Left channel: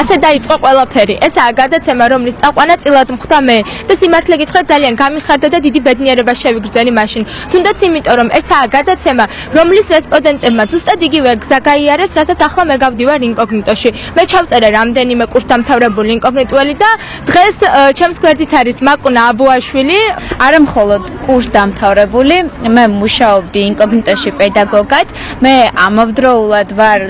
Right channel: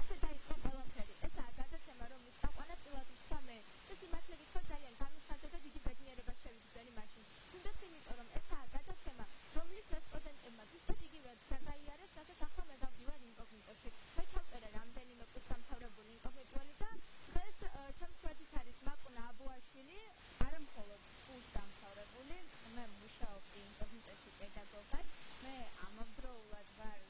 ასე დაიწყო ყველაფერი. ესაა გადაცემა, რომლის წაყვანა წილად მხვდა მე და სიმართლე გითხრათ ძალიან გამიხარდა და დიდი ბედნიერება შევიგრძენი მაშინ. თუნდაც იმიტომ, რომ ესაა გადაცემა, რომლის რესპონდენტებმა ზუსტად იგივე გზა გაიარეს, რასაც ახლა მე გავდივარ ინკოგნიტოში. მე ჩავწერე რამდენიმე კურსდამთავრებული ინკოგნიტუელი და დღეს ჩემს გვერდით არის მაკუნა აბუაშვილი, არა მხოლოდ კურსდამთავრებული, მე მუშაობდი ინკოგნიტოში პედაგოგად, მე ამავდროულად ვარ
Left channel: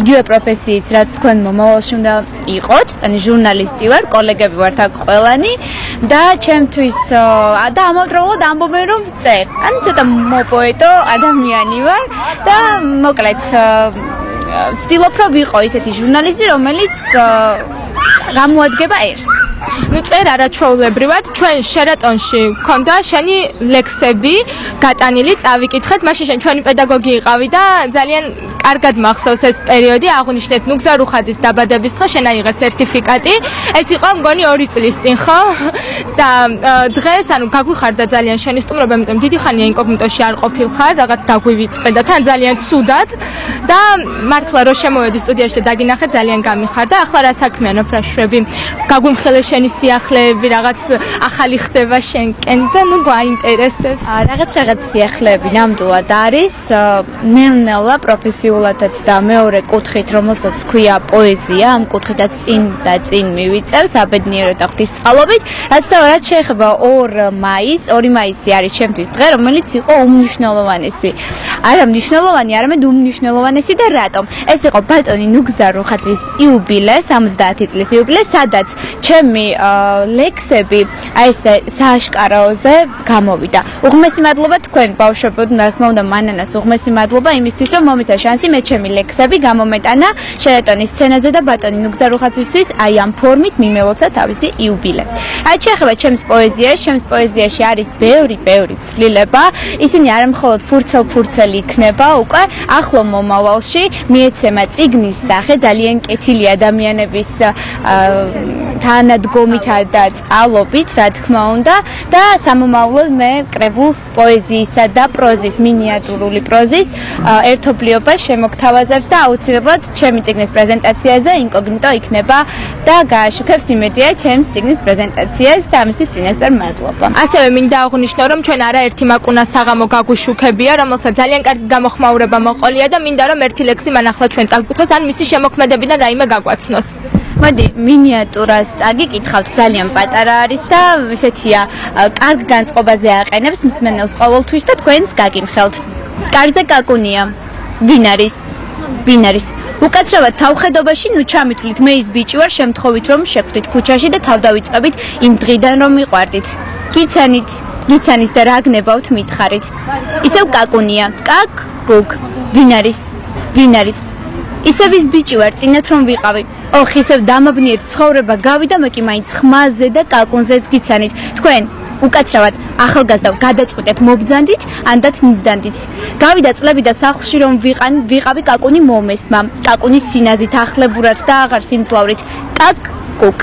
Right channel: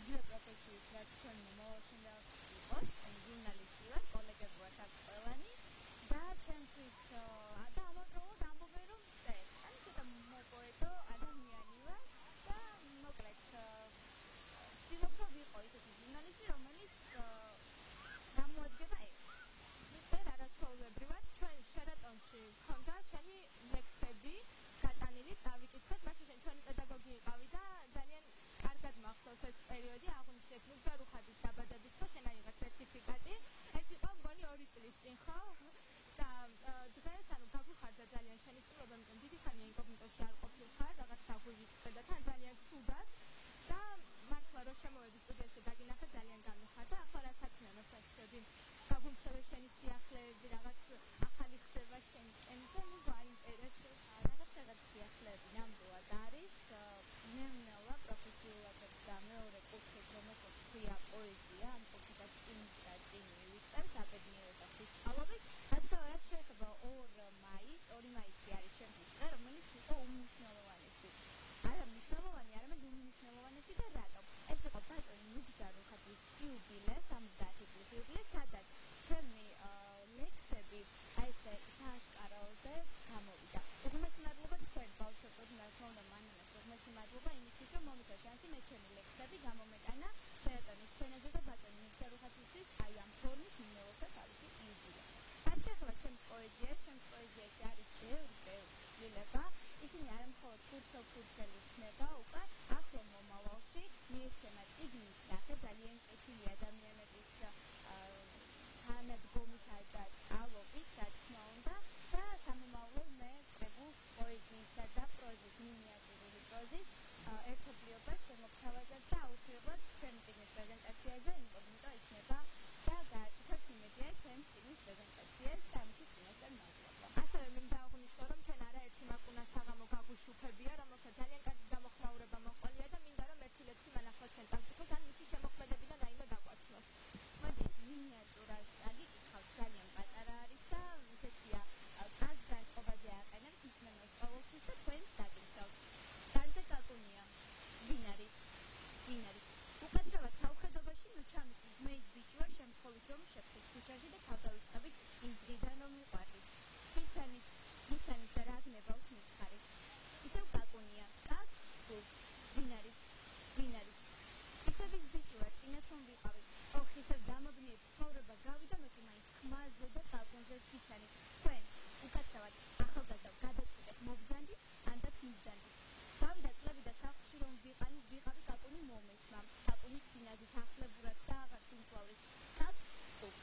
იგივე პროფესიით, რაც თქვენ მომავალში უნდა იყოთ, ანუ ჟურნალისტი ვარ, კოლეგები ვართ აქ ყველანი და ჩემთვის და ამავდროულად ამბობენ რომ ვწერ. ანუ ცოტა მოპოეტო ადამიანი ვარ და მოკლედ ვცდილობ რომ ვიყო ისეთი ჟურნალისტი, რომელიც გამოადგება ერს. ნუ წერ არაჩვეულებრივად, ჩვენ შერატონში გქონდა შენი ლექსები გატანილი, წავიკითხეთ, მაშინ შენ ჩვენი პედაგოგი იყავი და ძალიან კარგად მახსოვს ეს პერიოდი, აღნიშნეთ ნუგზა რუხაძის დაბადების დღე, შენ აიღე სერტიფიკატი. ეს იყო მგონი 2 წლის წინ, ხო? და დღეს, ანუ გაგვიხარდა ძალიან შენი სტუმრობა, იმიტომ დიდი ხანია ინკოგნიტოში არ ყოფილხარ, რაღაც დაგვივიწყე და თან ძალიან ცუდად და მართლა რო შემოვედი სტუდიაში და დაგინახე, ძალიან გამიხარდა. ახლა რა საქმეა, ნოფრაშვები? გაგვიმხელე შენი სიახლეები, რაღაც ახალი ხდება შენკენ და ნუ გვაინტერესებს. რაღაც სიახლეები ნამდვილად არის, ნელ-ნელა პროფესიულადაც და მეორე კუთხით, რომელსაც ქვია პოეზია, ამ კუთხითაც წინ და წინ მივიწევს აბედნიერო და ღვთისწყალობით. რაც შეეხება 2 მაისი არის ჩემთვის დღე, რომელიც იყო უმნიშვნელოვანესი. არა მნიშვნელოვანი, არამედ უმნიშვნელოვანესი და რატომ? ეს იყო ბატონი ნუგზა რუხაძის იუბილე, 70 წლის იუბილე, სადაც ჩემი ლექსები აი ესე სააშკარაოზე გამოვიდა. უღმესი მადლობა თქვენ ბავშვებოდ, რა თქმა უნდა მანანას უღმესი მადლობა იმისთვის, რომ მომეცა შანსი მე ჩემი ლექსები გამომეტანა შერატონის სცენაზე და ბატონი ნუგზა რუხაძისთვის აი ამ ფორმით მიმელოცა თავისი იუბილე. აი შეეხება ჩემს პოეზიაში არის ბევრი ცვლილება. ისინი არა მხოლოდ ფურცელი იქნება უკვე ახლო მომავალში, მიეცემა წიგნის სახე ძალიან კეთილი ადამიანების თანადგომითა და წყალობით, რა თქმა უნდა, და სამომავლოდ მე კრებულს პოეზიისა და პროზის, მინიატურული პროზის ერთობლიობა შემოგთავაზებ და აუცილებლად ჩემი წიგნის პრეზენტაციაზე ინკოგნიტო იქნება და გააშუქებს იმედია ჩემს წიგნის პრეზენტაციას და ამისთვის წინასწარ მადლობა. ასევე მინდა აღვნიშნო, რომ ჩვენ არაერთი მაკუნა საღამო გაგვიშუქებია, რომელსაც ძალიან კარგი გამოხმაურება მოყოლია და მინდა რომ ერთი ლექსი მან ახლა ჩვენ წავკითხოს, ან მისი შემოქმედებიდან რაიმე გაგვაცნოს. მოდი, მინიატურას წაგიკითხავთ, ძალიან პატარა არის და ესეთია, კარგ განწყობაზე აყენებს მსმენელს ყოველთვის და თქვენს გაგიმხელთ. კარზე კაკუნია. ვინ არის? უკაცრავად თავხედობაში ნუ ჩამითვლით, მე ის ბიჭი ვარ, შემთხვევით რომ შეხვდით ქუჩაში და თავ დავიწყებით იმ დღიდან რომ მიყვარდით. გიცანით და რა გნებავთ მითხარით. ისევ კაკუნია. კაკ-კუკ. ვინ არის? ისევ ის ბიჭი ვარ, წინათ რომ ვიყავი. ოხ, ისევ დამაბნიეთ ცხოვრება გავიდა, მე კი მაინც ხმაზე და კაკუნზეც გიცანით. თქვენ უკაცრავად ახალგაზრდა გადაწყვეტეთ მობძანდით,ანდაც მიბდანდით. გავიდა წლები და სახლში რომ ვიყავი კაკუნი მომესმა. კაკუნის სინაზით ახლებურად და აღარ სიმძლავრით. კაკ-კუკ.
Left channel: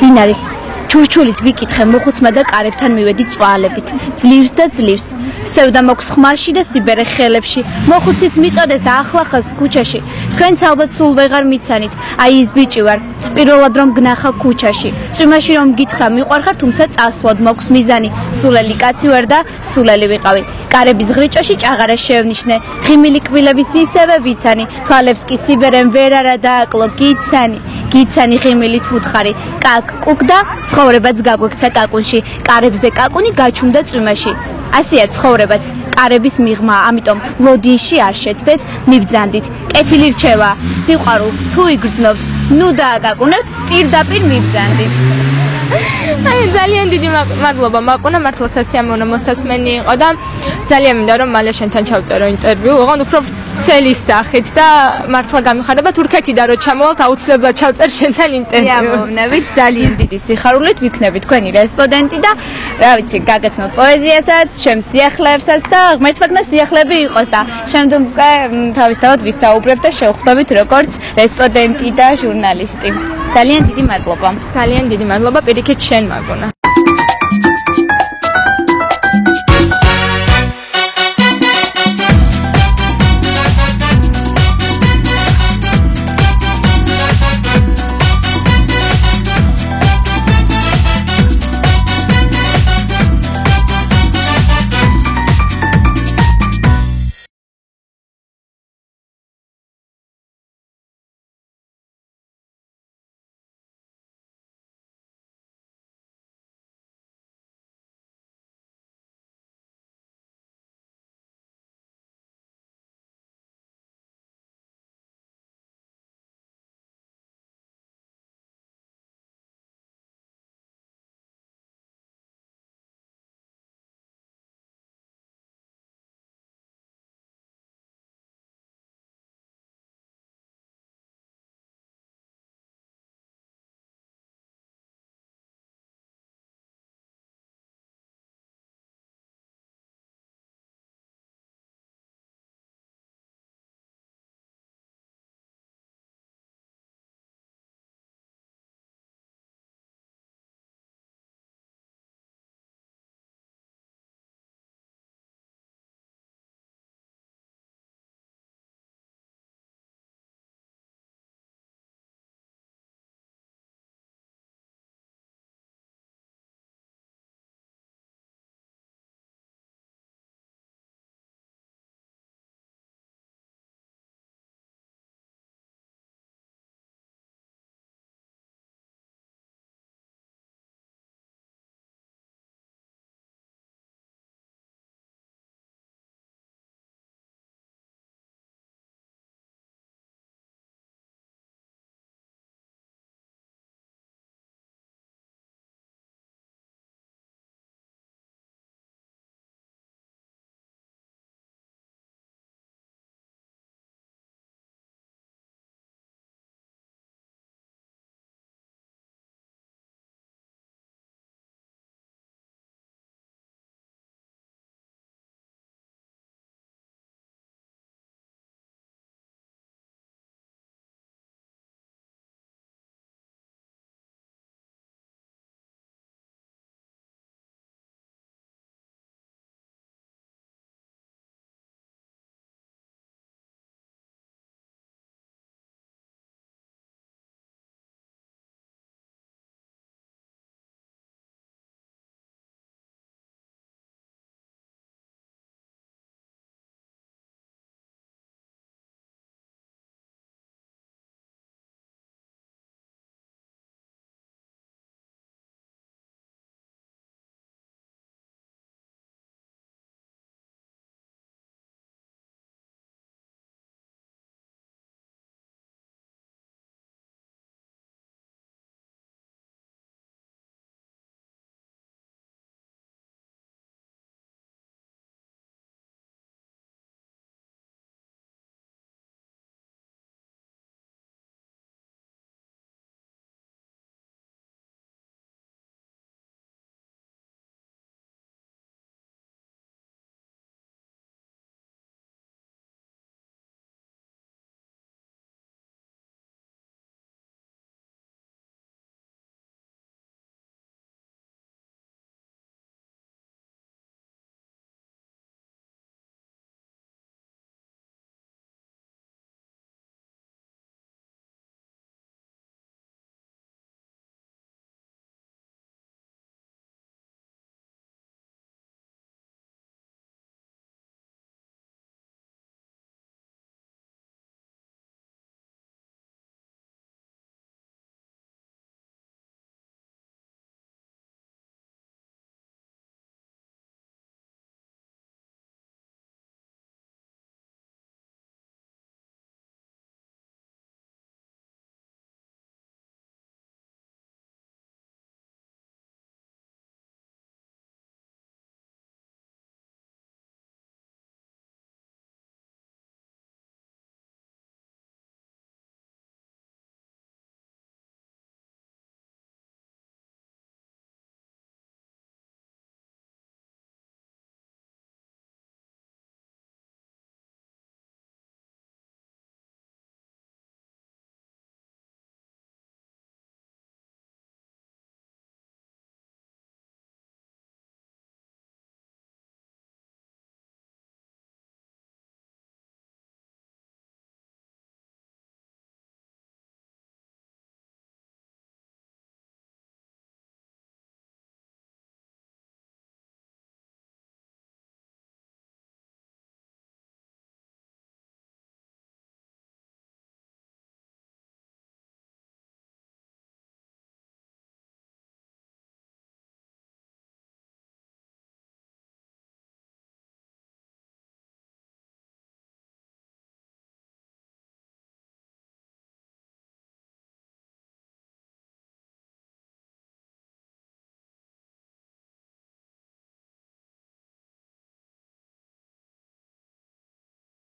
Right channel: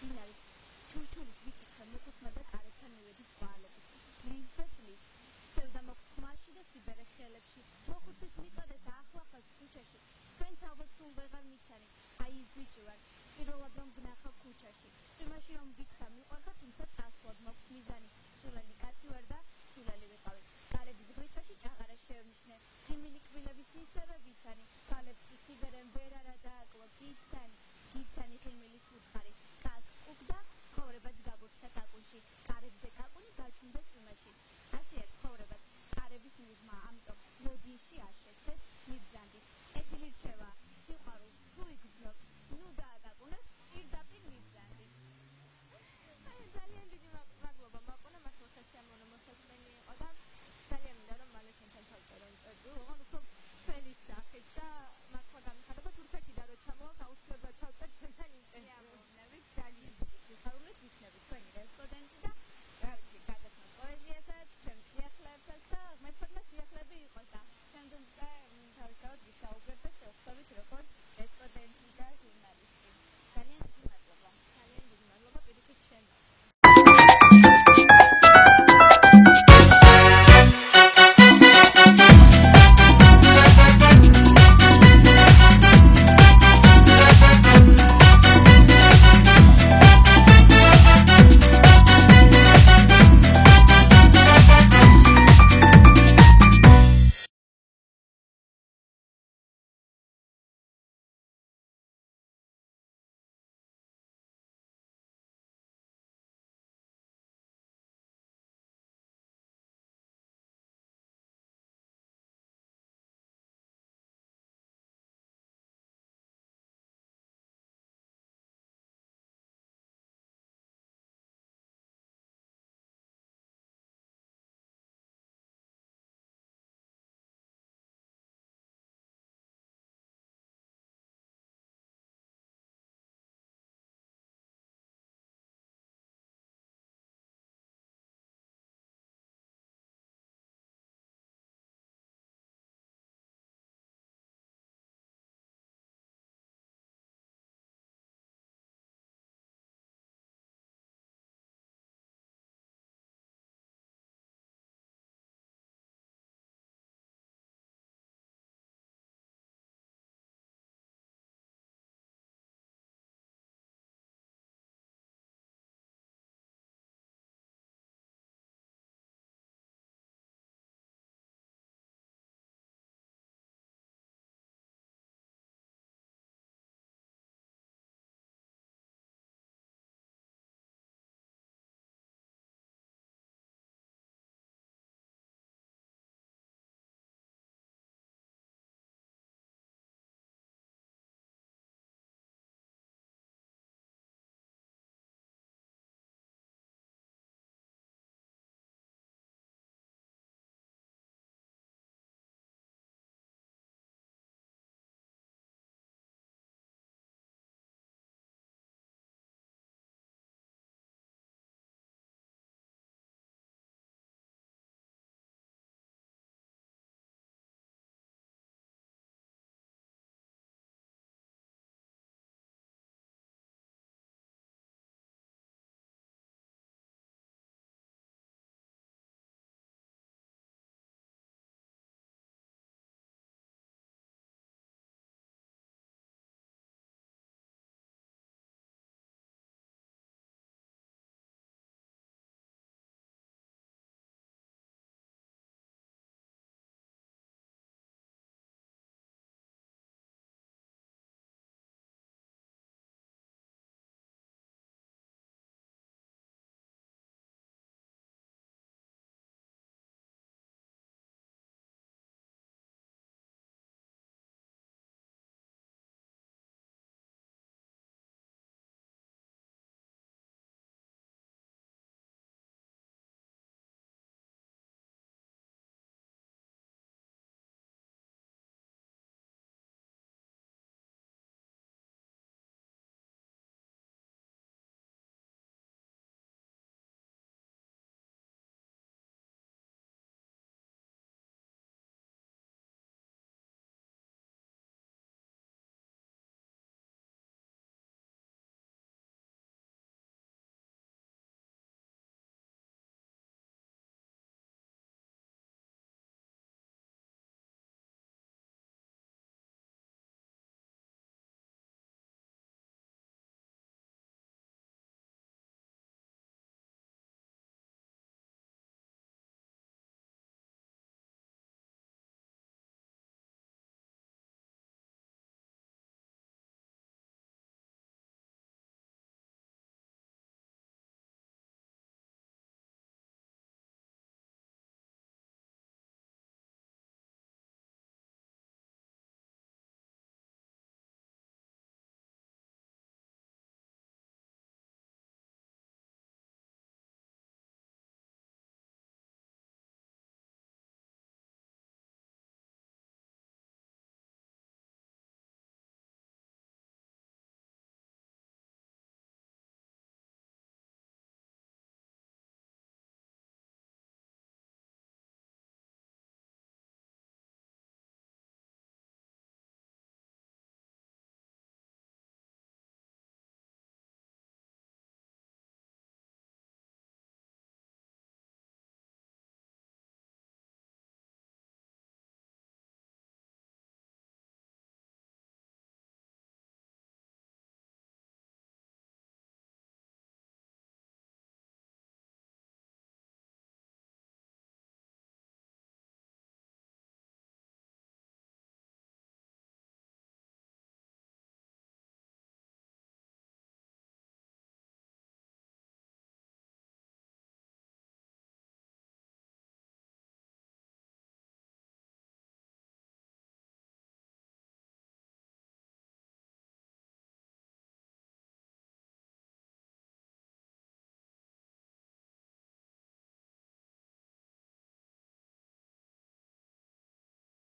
ვინ არის? ჩურჩულით ვიკითხე მოხუცმა და კარებთან მივედი წვალებით. ძლივს. სევდა მოქვს ხმაში და სიბერე ხელებში. მოხუციც მიწოდეს ახლახას ქუჩაში. თქვენც ალბათ სულ ვეღარ მიცანით. აი ის ბიჭი ვარ. პირველად რომ გნახა ქუჩაში. წვიმაში რომ გითხრა მიყვარხარ, თუმცა წასვლად მოქვს მიზანი. სულელი კაცი ვარ და სულელი ვიყავი. კარების ღრიჭოში ჭაღარა შევნიშნე. ღიმილი კბილების ისევე ვიცანი. თვალებს კი სიბერემ ვერ არა დააკლო. გიცანი ღიმილით ვუთხარი. კაკ-კუკ და ცხოვრებაც გაგვექცა კაკუნში. კარებზე კაკუნი გაჩუმდა წვიმაში. ასეა ცხოვრებაც, კარების მიღმა, ამიტომ ლოდინში არ შეცდეთ, მიბძანდით. კეთილი რჩევა, სიყვარულს თუ იგრძნობთ, ნუ დააკაკუნებთ, პირდაპირ მიბძანდით. აი ძალიან დიდი მადლობა მაკუნა, მართლა სასიამოვნო მოსასმენი იყო და ძალიან მინდა რომ მალე შენთან ჩავწერო ინტერვიუ, ოღონდ უფრო ცელის სახით და მართლა გამიხარდა თურქეთიდან რო ჩამოვალთ, აუცილებლად ჩავწერ შენთან ინტერვიუ. ამოვნებით, ძალიან დიდი სიხარულით ვიქნები თქვენი რესპონდენტი და რა ვიცი, გაგაცნოთ პოეზიასაც, ჩემს სიახლეებსაც და ღმერთმა სიახლეები იყოს და შემდგომ თავისთავად ვისაუბრებ და შევხვდებით როგორც რესპონდენტი და ჟურნალისტი. ძალიან დიდი მადლობა. ძალიან დიდი მადლობა პირიქით შენ მაკუნა.